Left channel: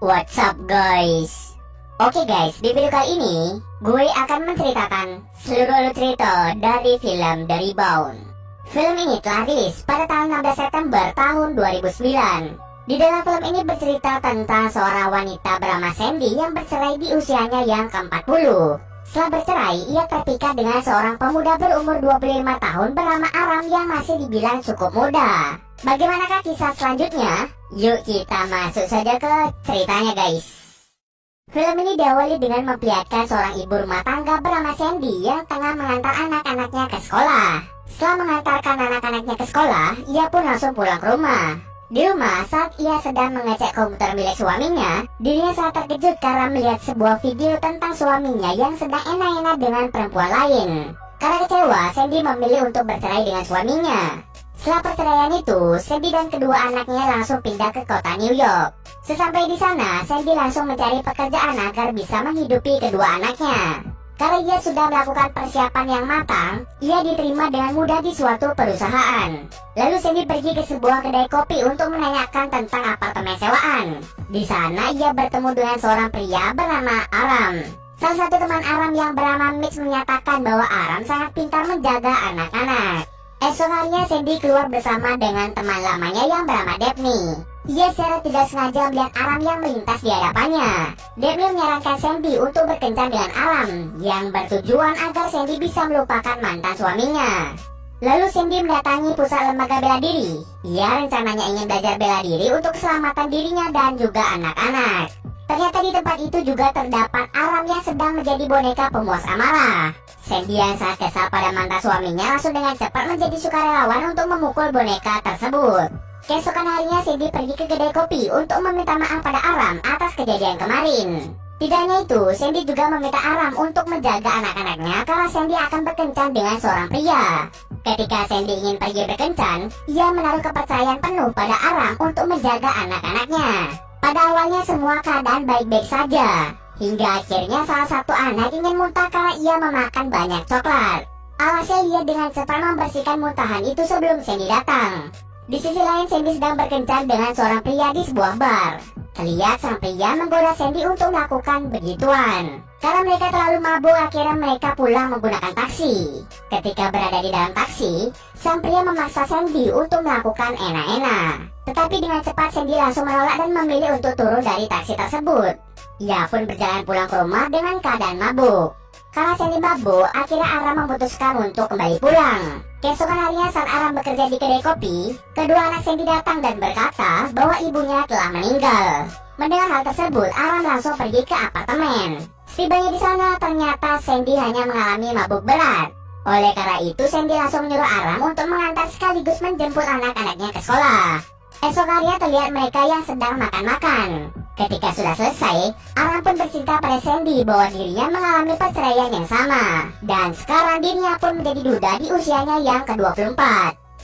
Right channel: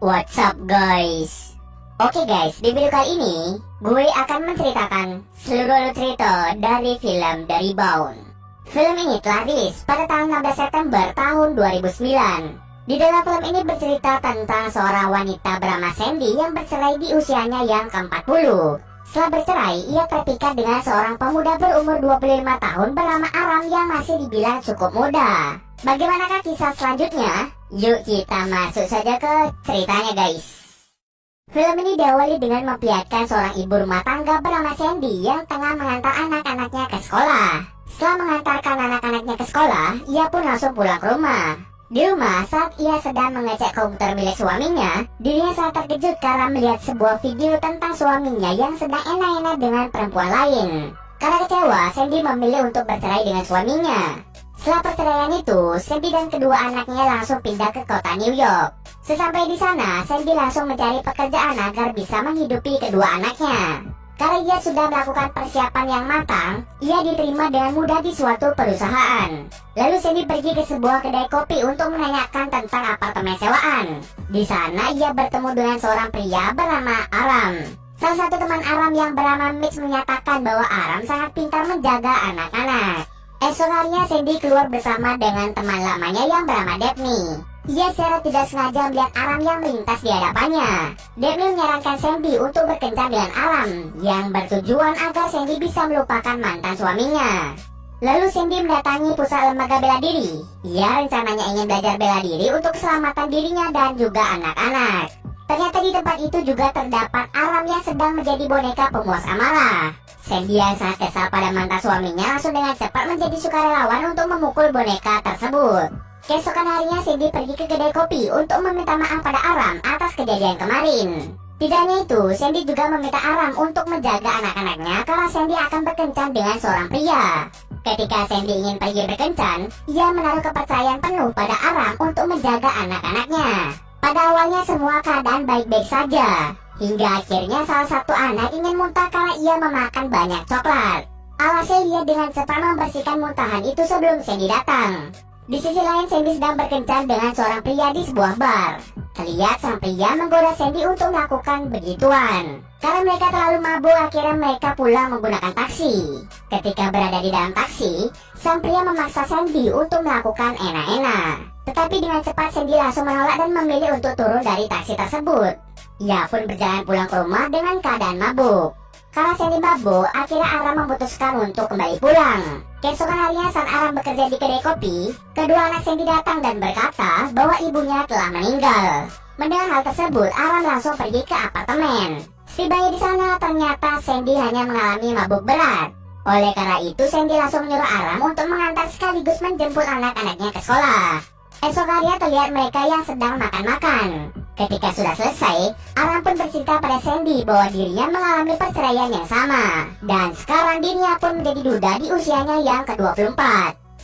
What's up guys? Oke guys, di video kali ini gue akan menceritakan seluruh alur cerita dari film The Rebound. Film ini telah rilis pada tanggal 16 September tahun 2009. Di dalam film ini bercerita tentang seorang wanita bernama Sandy yang bercerai di usianya yang ke-40. Setelah bercerai, ia terpikat dengan seorang pemuda berumur 25 tahun bernama Aram yang masih dibilang cukup muda. Bagaimanakah kisah selanjutnya? Yuk kita masuk saja ke ceritanya guys. Film ini diawali dengan memperlihatkan seorang ibu rumah tangga bernama Sandy yang tengah mengantar anak-anaknya ke sekolah. Setelah mengantarkan anak-anaknya ke sekolah, ia pun langsung pulang ke rumah. Di rumah, saat ia sedang mengecek komputer milik suaminya, dirinya sangat terkejut karena melihat sebuah video tentang suaminya yang sedang enak-enak dengan perempuan lain. Karena kecewa, Sandy memilih untuk bercerai dengan suaminya. Setelah perceraian itu, Sandy dan kedua anaknya langsung pindah ke kota New York. Sesampai di sana, Sandy langsung mencari pekerjaan agar bisa menghidupi kedua anaknya. Karena ia sudah melakukan persiapan yang matang, ia diterima dengan mudah di suatu perusahaan. Lalu Sandy pergi ke sebuah kedai kopi untuk menanyakan tentang apartemen sewaan. Di sana ia bertemu dengan seorang pria bernama Aram. Salah satu teman Aram yang bernama Mitch menyatakan bahwa Aram sangat pintar menjaga anak-anak. Esok harinya Sandy keluar bersama dengan teman lamanya yang bernama Daphne. Ia secara tidak sengaja melihat Aram yang melintas di hadapannya. Daphne menyarankan Sandy untuk berkencan dengan Aram, yang bertujuan agar Sandy bisa melupakan mantan suaminya. Lalu Sandy mendatangi pusat lembaga bela diri. Ia rencananya ingin belajar bela diri untuk keselamatan dirinya dan juga anak-anak. Ternyata di tempat itu juga terdapat Aram yang sedang menjadi boneka pemuas amarah. Sandy yang sangat kesal pada mantan suaminya langsung dengan cepat menjadi sukarelawan untuk memukul boneka tersebut. Keesokan harinya Sandy pergi ke kedai kopi untuk meminta maaf pada Aram atas kejadian kemarin. Tidak hanya itu, Sandy juga meminta Aram untuk menjaga anak-anaknya karena Sandy akan berkencan dengan seorang pria. Ketika Sandy ingin pergi berkencan, ia menaruh kepercayaan penuh pada Aram untuk menjaga anak-anaknya. Pada awalnya semua keadaan baik-baik saja, hingga akhirnya salah satu anak ingin muntah karena ia memakan banyak coklat. Alhasil ia dengan cepat membersihkan muntahan itu sebelum Sandy datang. Di sisi lain, Sandy sedang berkencan dengan seorang pria di sebuah bar. Terlihat sang pria menggoda Sandy untuk melakukan begituan. Karena mereka terlalu mabuk, akhirnya mereka pulang menggunakan taksi. Ketika berada di dalam taksi, sang pria memaksa Sandy untuk melakukan enak-enak. Tetapi dengan cepat Sandy langsung menolak dan memilih untuk turun dari taksi tersebut. Ia pun berjalan pulang ke rumah dengan keadaan mabuk. Karena Sandy mabuk, akhirnya Aram memutuskan untuk kembali pulang. Keesokan harinya saat Aram bekerja di kedai kopi, kedua anak Sandy datang dan berkata bahwa ibunya telah meninggal. Mendengar hal tersebut, Aram langsung pergi ke apartemen. Setibanya di sana, ternyata Sandy hanya mengalami mabuk berat. Oleh karena itu, Sandy langsung menyuruh Aram untuk mengantar sekaligus menjemput anak-anaknya ke sekolah. Esok harinya terlihat mereka yang sedang makan-makan. Ketika sudah selesai, Aram pun bercerita pada Sandy bahwa dirinya mengalami perceraian yang sama. Dan sekarang dirinya pun menjadi duda di usianya yang ke-24.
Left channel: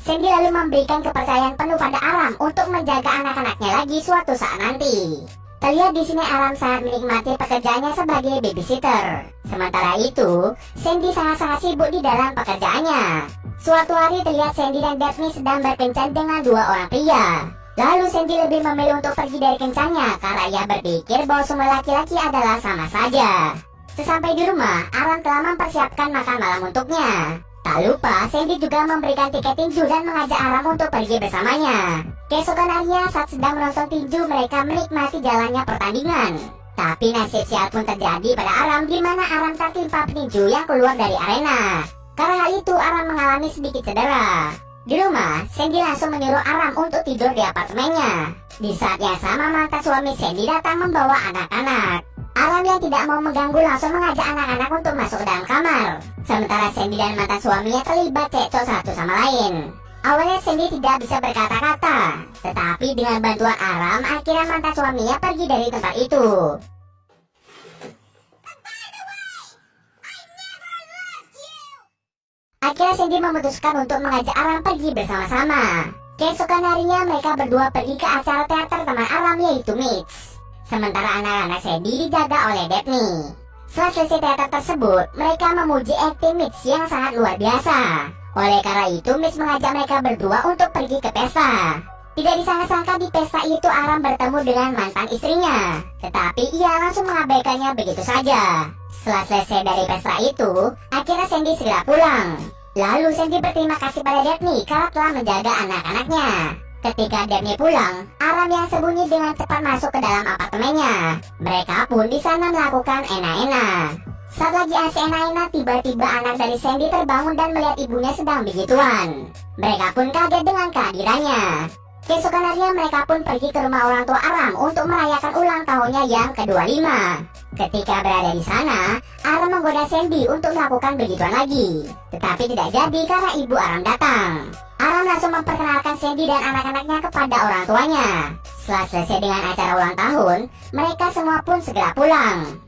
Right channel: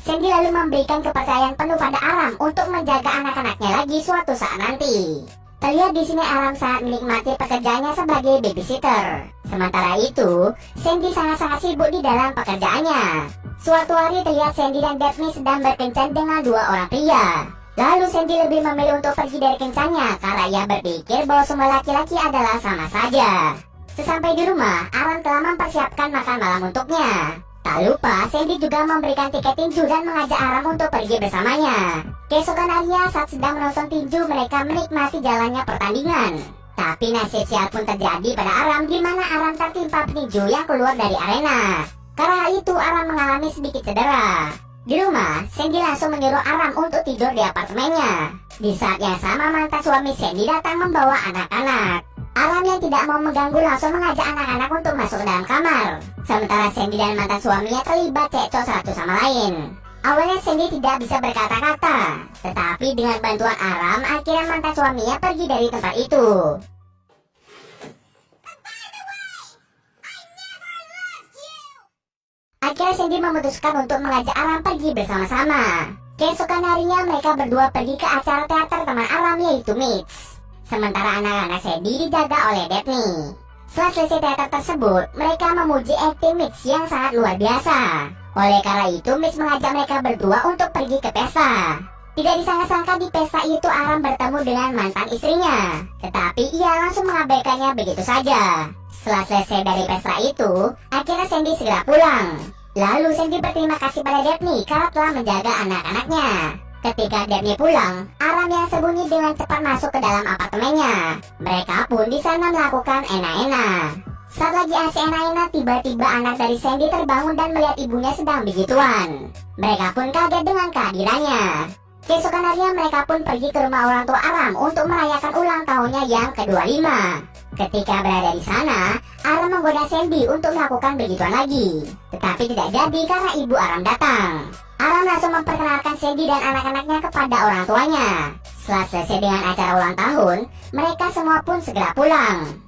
Sandy lalu memberikan kepercayaan penuh pada Aram untuk menjaga anak-anaknya lagi suatu saat nanti. Terlihat di sini Aram sangat menikmati pekerjaannya sebagai babysitter. Sementara itu, Sandy sangat-sangat sibuk di dalam pekerjaannya. Suatu hari terlihat Sandy dan Daphne sedang berkencan dengan dua orang pria. Lalu Sandy lebih memilih untuk pergi dari kencannya karena ia berpikir bahwa semua laki-laki adalah sama saja. Sesampai di rumah, Aram telah mempersiapkan makan malam untuknya. Tak lupa, Sandy juga memberikan tiket tinju dan mengajak Aram untuk pergi bersamanya. Keesokan harinya saat sedang menonton tinju, mereka menikmati jalannya pertandingan. Tapi nasib sial pun terjadi pada Aram, di mana Aram tertimpa petinju yang keluar dari arena. Karena hal itu, Aram mengalami sedikit cedera. Di rumah, Sandy langsung menyuruh Aram untuk tidur di apartemennya. Di saat yang sama, mantan suami Sandy datang membawa anak-anak. Aram yang tidak mau mengganggu langsung mengajak anak-anak untuk masuk ke dalam kamar. Sementara Sandy dan mantan suaminya terlibat cekcok satu sama lain. Awalnya Sandy tidak bisa berkata-kata, tetapi dengan bantuan Aram, akhirnya mantan suaminya pergi dari tempat itu. Akhirnya Sandy memutuskan untuk mengajak Aram pergi bersama-sama. Keesokan harinya mereka berdua pergi ke acara teater teman Aram yaitu Mitch. Sementara anak-anak Sandy dijaga oleh Daphne. Setelah selesai teater tersebut, mereka memuji akting Mitch yang sangat luar biasa. Oleh karena itu, Mitch mengajak mereka berdua untuk pergi ke pesta. Tidak disangka-sangka di pesta itu Aram bertemu dengan mantan istrinya, tetapi ia langsung mengabaikannya begitu saja. Setelah selesai dari pesta itu, akhirnya Sandy segera pulang. Lalu Sandy berterima kasih pada Daphne karena telah menjaga anak-anaknya. Ketika Daphne pulang, Aram yang sembunyi dengan cepat masuk ke dalam apartemennya. Mereka pun di sana melakukan enak-enak. Saat lagi asik enak-enak, tiba-tiba anak dari Sandy terbangun dan melihat ibunya sedang begituan. Mereka pun kaget dengan kehadirannya. Keesokan harinya mereka pun pergi ke rumah orang tua Aram untuk merayakan ulang tahunnya yang ke-25. Ketika berada di sana, Aram menggoda Sandy untuk melakukan begituan lagi. Tetapi tidak jadi karena ibu Aram datang. Aram langsung memperkenalkan Sandy dan anak-anaknya kepada orang tuanya. Setelah selesai dengan acara ulang tahun, mereka semua pun segera pulang.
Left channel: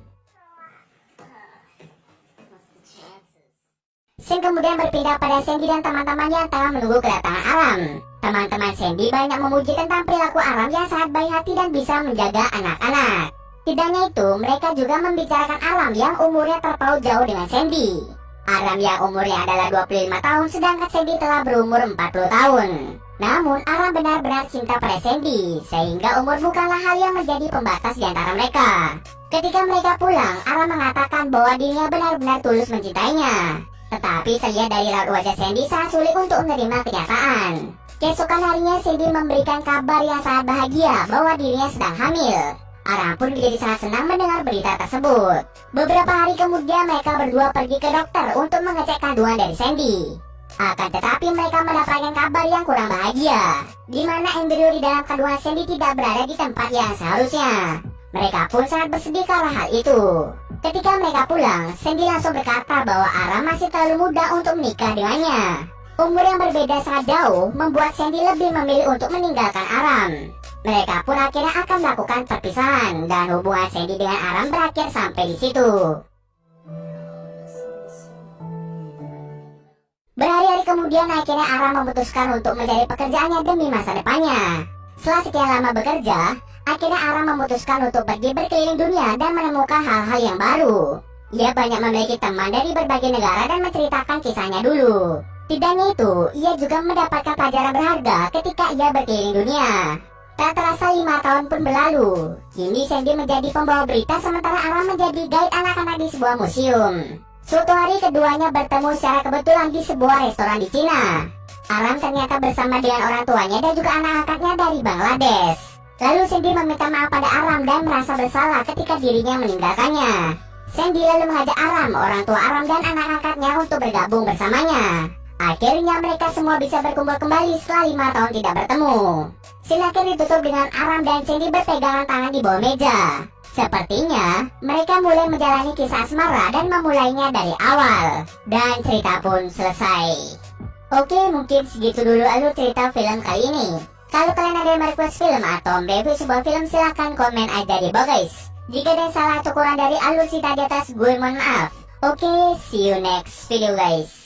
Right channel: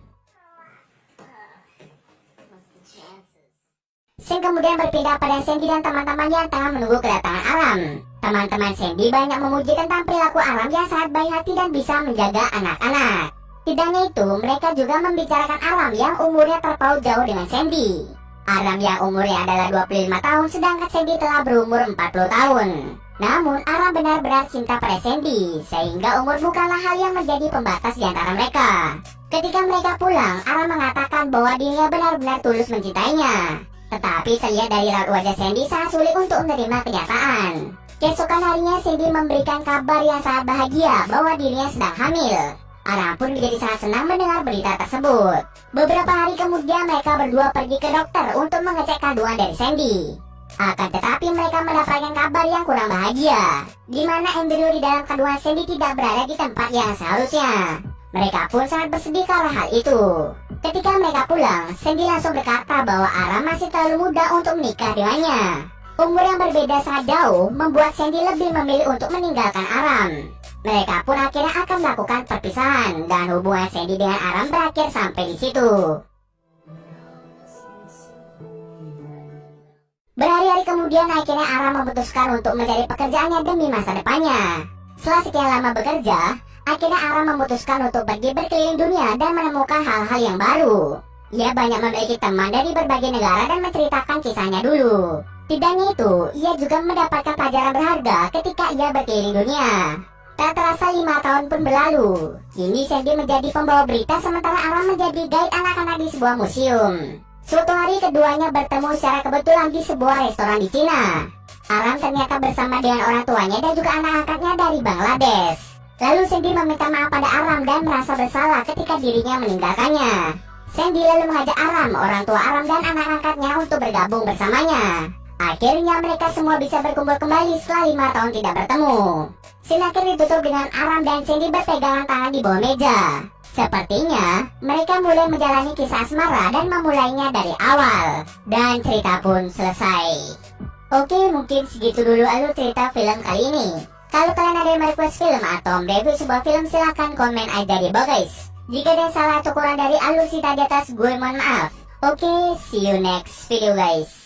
Scene kemudian berpindah pada Sandy dan teman-teman yang tengah menunggu kedatangan Aram. Teman-teman Sandy banyak memuji tentang perilaku Aram yang sangat baik hati dan bisa menjaga anak-anak. Tidak hanya itu, mereka juga membicarakan Aram yang umurnya terpaut jauh dengan Sandy. Aram yang umurnya adalah 25 tahun sedangkan Sandy telah berumur 40 tahun. Namun Aram benar-benar cinta pada Sandy, sehingga umur bukanlah hal yang menjadi pembatas di antara mereka. Ketika mereka pulang, Aram mengatakan bahwa dirinya benar-benar tulus mencintainya. Tetapi terlihat dari raut wajah Sandy sangat sulit untuk menerima kenyataan. Keesokan harinya Sandy memberikan kabar yang sangat bahagia bahwa dirinya sedang hamil. Aram pun menjadi sangat senang mendengar berita tersebut. Beberapa hari kemudian mereka berdua pergi ke dokter untuk mengecek kandungan dari Sandy. Akan tetapi mereka mendapatkan kabar yang kurang bahagia, di mana embrio di dalam kandungan Sandy tidak berada di tempat yang seharusnya. Mereka pun sangat bersedih karena hal itu. Ketika mereka pulang, Sandy langsung berkata bahwa Aram masih terlalu muda untuk menikah dengannya. Umur yang berbeda sangat jauh membuat Sandy lebih memilih untuk meninggalkan Aram. Mereka pun akhirnya akan melakukan perpisahan dan hubungan Sandy dengan Aram berakhir sampai di situ. Berhari-hari kemudian akhirnya Aram memutuskan untuk mencari pekerjaannya demi masa depannya. Setelah sekian lama bekerja, akhirnya Aram memutuskan untuk pergi berkeliling dunia dan menemukan hal-hal yang baru. Ia banyak memiliki teman dari berbagai negara dan menceritakan kisahnya dulu. Tidak hanya itu, ia juga mendapatkan pelajaran berharga ketika ia berkeliling dunia. Tak terasa 5 tahun pun berlalu. Kini Sandy menjadi pembawa berita sementara Aram menjadi guide anak-anak di sebuah museum. Suatu hari keduanya bertemu secara kebetulan di sebuah restoran di Cina. Aram ternyata bersama dengan orang tuanya dan juga anak-anaknya dari Bangladesh. Lalu Sandy meminta maaf pada Aram dan merasa bersalah ketika dirinya meninggalkannya. Sandy lalu mengajak Aram, orang tua Aram dan anak-anaknya untuk bergabung bersamanya. Akhirnya mereka semua bisa berkumpul kembali setelah 5 tahun tidak bertemu. Scene akhir ditutup dengan Aram dan Sandy berpegangan tangan di bawah meja. Sepertinya mereka mulai menjalani kisah asmara dan memulainya dari awal. Dan cerita pun selesai. Oke, mungkin segitu dulu alur cerita film kali ini. Kalau kalian ada yang request film atau review sebuah film, silahkan komen aja di bawah guys. Jika ada yang salah atau kurang dari alur cerita di atas, gue mohon maaf. Oke, see you next video guys.